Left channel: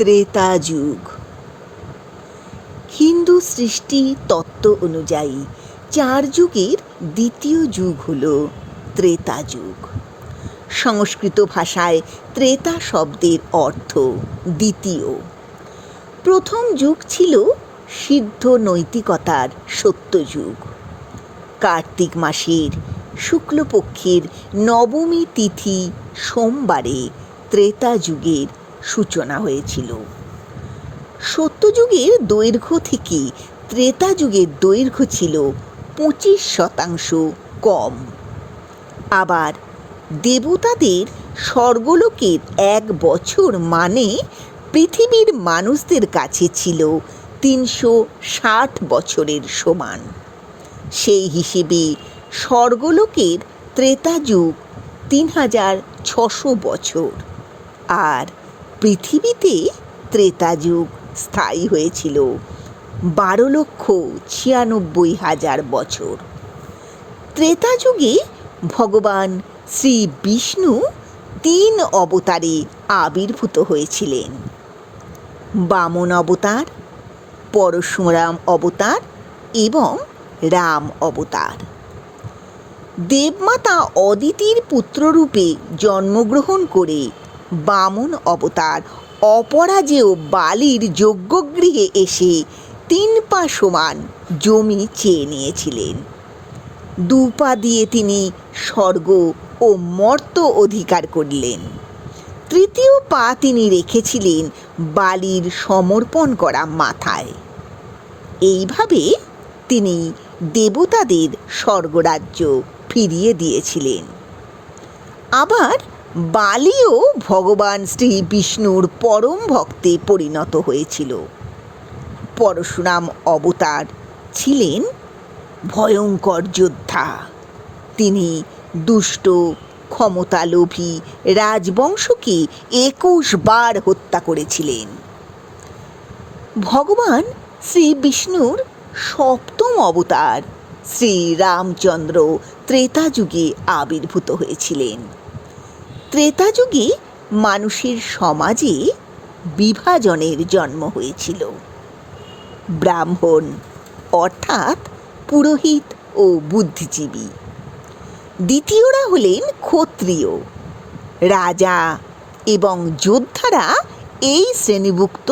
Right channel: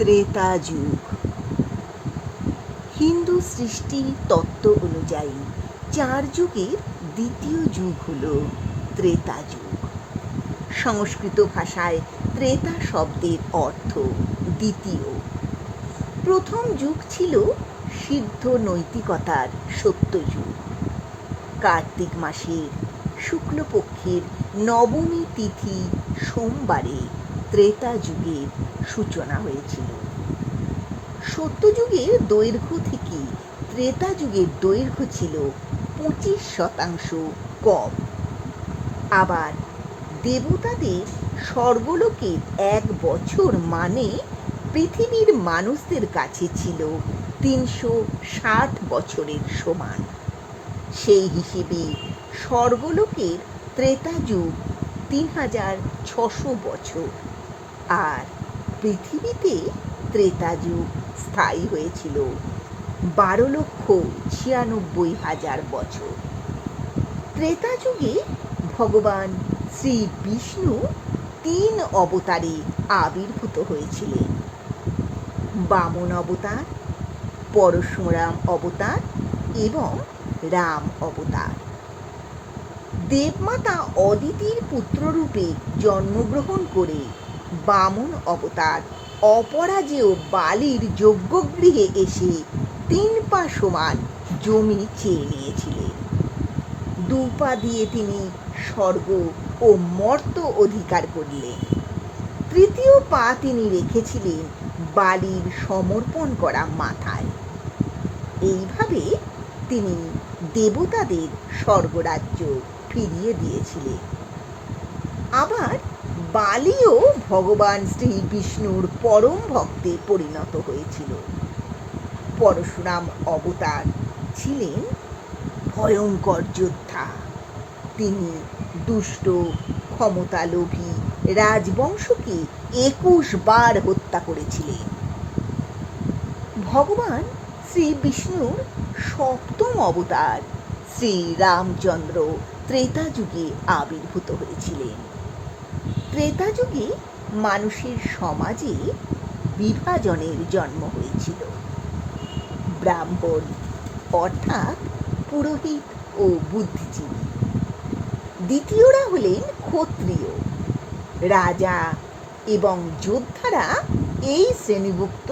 ত্রেতা যুগ। হিন্দু সৃষ্টি তত্ত্ব অনুযায়ী 4 যুগের দ্বিতীয় যুগ হল ত্রেতা যুগ। সংস্কৃত ভাষায় ত্রেতা শব্দের অর্থ দ্বিতীয়। প্রথম যুগ ছিল সিদ্ধ নৈতিকতার সত্যযুগ। কার্তিক মাসের শুক্লপক্ষের নবমী তিথি সোমবারে ত্রেতা যুগের সূচনা হয়েছিল। সত্যযুগের দৈর্ঘ্য থেকে ত্রেতা যুগের দৈর্ঘ্য ছিল 25% কম। আবার দেবতাদের স্বর্গলোকের 1 বছর মানে পৃথিবীর মানুষদের কাছে ছিল 360 বছরের সমান। সেই হিসেবে স্বর্গলোকের ত্রেতা যুগ 3600 বছর, আর পৃথিবীতে ত্রেতা যুগ স্থায়ী হয়েছিল 12,96,000 বছর। ত্রেতা যুগে ভগবান শ্রী বিষ্ণু 3 অবতারে আবির্ভূত হয়েছিলেন: বামন অবতার, পরশুরাম অবতার এবং রাম অবতার। দেবমাতা অদিতির পুত্ররূপে জন্মগ্রহণ করে বামন অবতার অপরাজেয় বালির যজ্ঞগৃহে এসে 3 পা সমান জমি চেয়ে নিয়েছিলেন। 2 পা দিয়ে তিনি স্বর্গ ও মর্ত অধিকার করলেন। 3য় পা তিনি রেখেছিলেন বালির সমর্পণ করা মাথায়। এইভাবে তিনি দেবতাদের স্বর্গরাজ্য ফিরিয়ে দিয়েছিলেন। আবার বালিও ভগবান শ্রী বিষ্ণুর পরম ভক্তে পরিণত হয়েছিল। পরশুরাম অবতার ছিলেন ভয়ঙ্কর যোদ্ধা। তিনি দুষ্ট ক্ষমতালোভী রাজবংশকে 21 বার হত্যা করেছিলেন। ভগবান শ্রী বিষ্ণুর 7ম অবতার শ্রী রামচন্দ্র ত্রেতা যুগে আবির্ভূত হয়েছিলেন। ত্রেতা যুগে মানুষের সমাজে বিভাজনের জন্ম হয়েছিল। ব্রাহ্মণ অর্থাৎ পুরোহিত ও বুদ্ধিজীবী, দ্বিতীয়রা হলেন ক্ষত্রিয়, রাজা এবং যোদ্ধারা এই শ্রেণীভুক্ত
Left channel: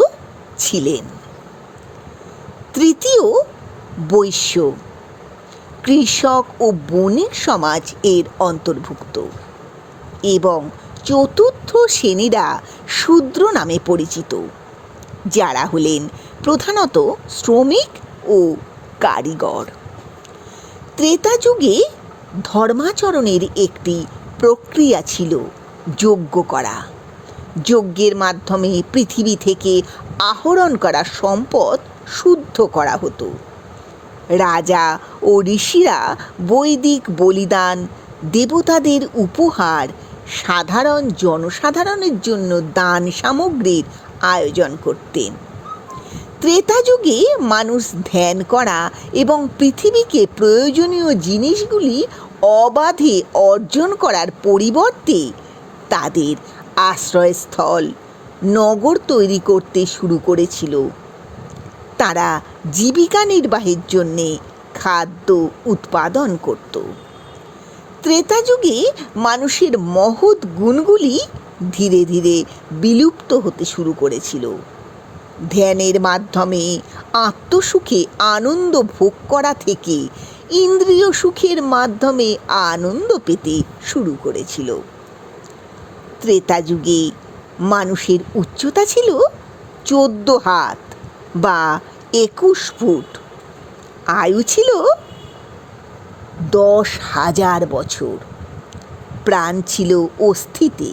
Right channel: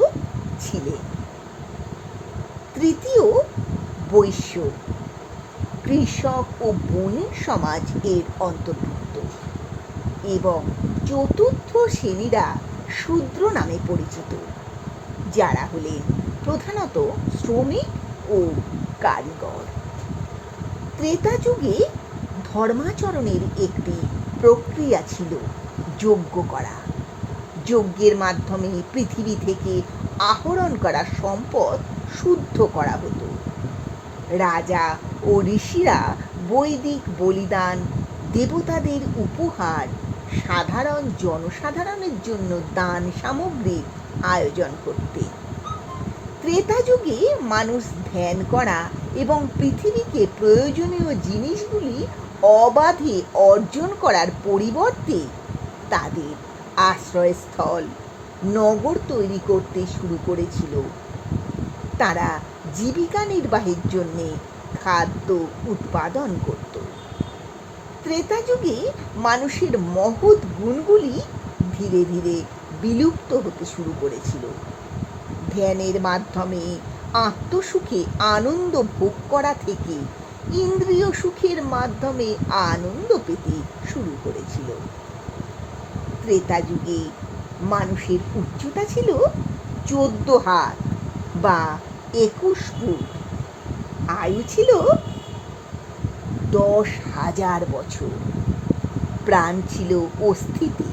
ছিলেন। তৃতীয় বৈশ্য, কৃষক ও বণিক সমাজ এর অন্তর্ভুক্ত, এবং চতুর্থ শ্রেণীরা শূদ্র নামে পরিচিত, যারা হলেন প্রধানত শ্রমিক ও কারিগর। ত্রেতা যুগে ধর্মাচরণের একটি প্রক্রিয়া ছিল যজ্ঞ করা। যজ্ঞের মাধ্যমে পৃথিবী থেকে আহরণ করা সম্পদ শুদ্ধ করা হতো। রাজা ও ঋষিরা বৈদিক বলিদান, দেবতাদের উপহার, সাধারণ জনসাধারণের জন্য দান সামগ্রীর আয়োজন করতেন। ত্রেতা যুগে মানুষ ধ্যান করা এবং পৃথিবীকে প্রয়োজনীয় জিনিসগুলি অবাধে অর্জন করার পরিবর্তে তাদের আশ্রয়স্থল নগর তৈরি করতে শুরু করেছিল। তারা জীবিকা নির্বাহের জন্যে খাদ্য উৎপাদন করত। ত্রেতা যুগে মানুষের মহৎ গুণগুলি ধীরে ধীরে বিলুপ্ত হতে শুরু করেছিল। ধ্যানের মাধ্যমে আত্মসুখে আনন্দ ভোগ করা থেকে ইন্দ্রিয় সুখের মাধ্যমে আনন্দ পেতে শুরু করেছিল। ত্রেতা যুগে মানুষের উচ্চতা ছিল 14 হাত বা 21 ফুট। আয়ু ছিল 10,000 বছর। প্রাণ ছিল অস্থিতে।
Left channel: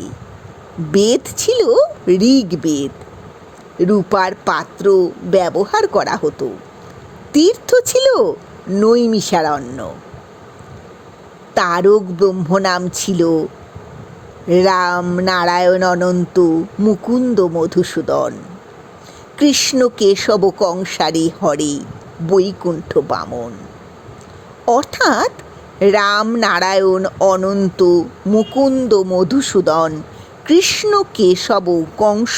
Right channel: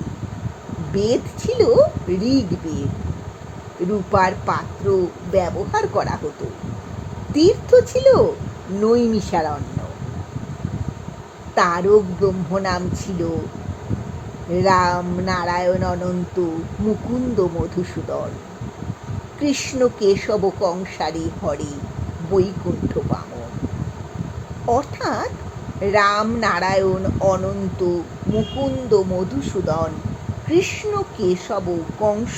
বেদ ছিল ঋগ্বেদ। রূপার পাত্র ব্যবহার করা হতো। তীর্থ ছিল নৈমিষারণ্য। তারক ব্রহ্ম নাম ছিল রাম নারায়ণ অনন্ত মুকুন্দ মধুসূদন। কৃষ্ণ কেশব কংসারী হরে বৈকুণ্ঠ বামন। অর্থাৎ রাম নারায়ণ অনন্ত মুকুন্দ মধুসূদন কৃষ্ণ কেশব কংস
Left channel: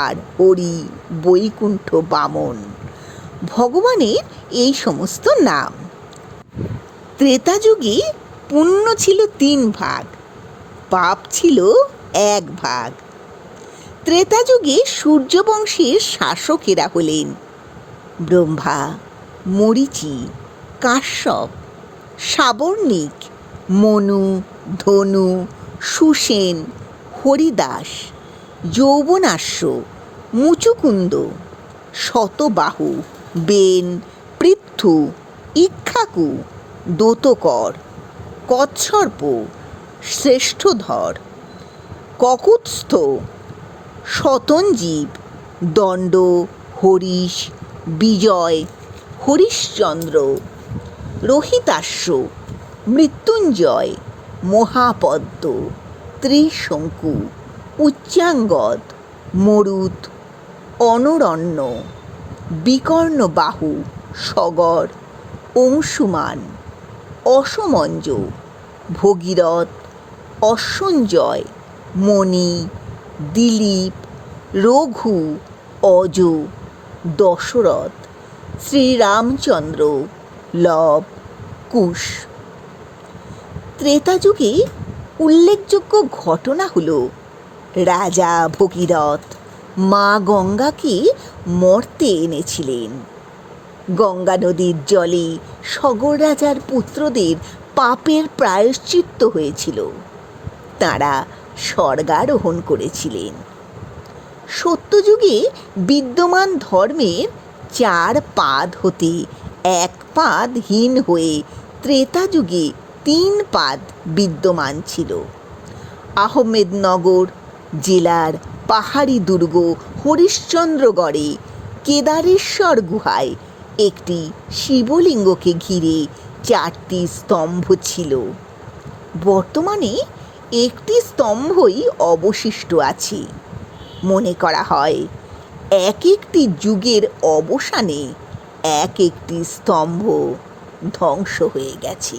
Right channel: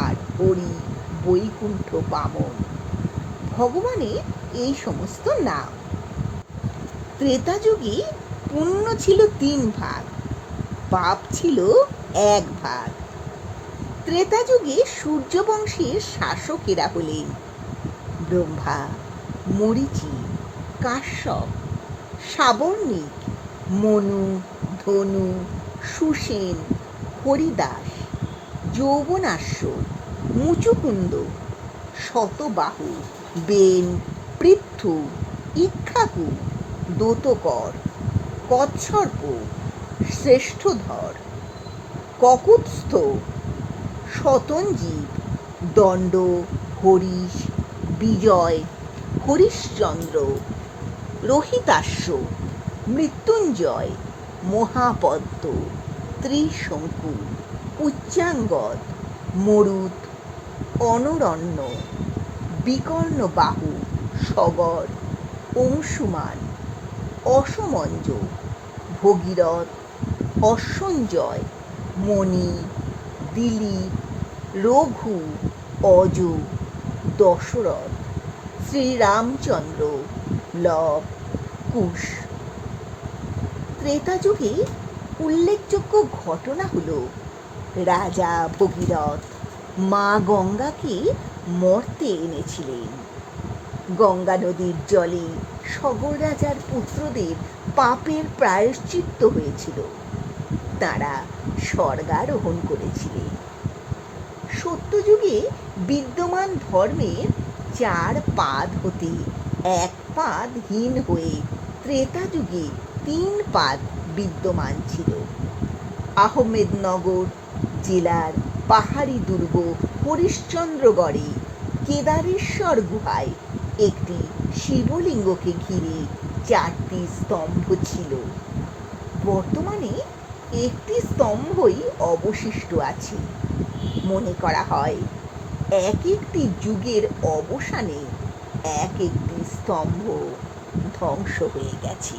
আর হরি বৈকুণ্ঠ বামন ভগবানের এই সমস্ত নাম। ত্রেতা যুগে পুণ্য ছিল 3 ভাগ, পাপ ছিল 1 ভাগ। ত্রেতা যুগে সূর্যবংশের শাসকেরা হলেন ব্রহ্মা, মরীচি, কাশ্যপ, সাবর্ণিক, মনু, ধনু, সুসেন, হরিদাস, যৌবনাশ্য, মুচুকুন্দ, শতবাহু, বেন, পৃথু, ইক্ষ্বাকু, দোতকর, কচ্ছর্প, শ্রেষ্ঠধর, ককুৎস্থ, শতঞ্জীব, দণ্ড, হরিশ, বিজয়, হরিশ্চন্দ্র, রোহিতাশ্ব, মৃত্যুঞ্জয়, মহাপদ্ম, ত্রিশঙ্কু, উচ্চাঙ্গদ, মরুত, অনরণ্য, বিকর্ণবাহু, সগর, অংশুমান, অসমঞ্জ, ভগীরথ, অশ্বঞ্জয়, মণি, দিলীপ, রঘু, অজ, দশরথ, শ্রীরামচন্দ্র, লব, কুশ। ত্রেতা যুগে উল্লেখযোগ্য ঘটনা হল রাজা ভগীরথ মা গঙ্গাকে মর্তে এনেছিলেন। গঙ্গা নদীর জলে সগর রাজার পুত্রদের পাপের প্রায়শ্চিত্ত হয়েছিল, তাঁরা স্বর্গারোহণ করেছিলেন। সত্যযুগে বিদ্যমান ধর্মের 4 পাদ হতে 1 পাদ হীন হয়ে ত্রেতা যুগে 3 পাদ বিদ্যমান ছিল। আহমেদনগর জেলার পাহাড়ি দুর্গ হরিশ্চন্দ্রগড়ে কেদারেশ্বর গুহায় একটি শিবলিঙ্গকে ঘিরে 4টি স্তম্ভ ছিল। বর্তমানে একটি স্তম্ভই অবশিষ্ট আছে। মনে করা হয় এক একটি যুগের অবসানে এক একটি স্তম্ভ ধ্বংস হয়ে গেছে।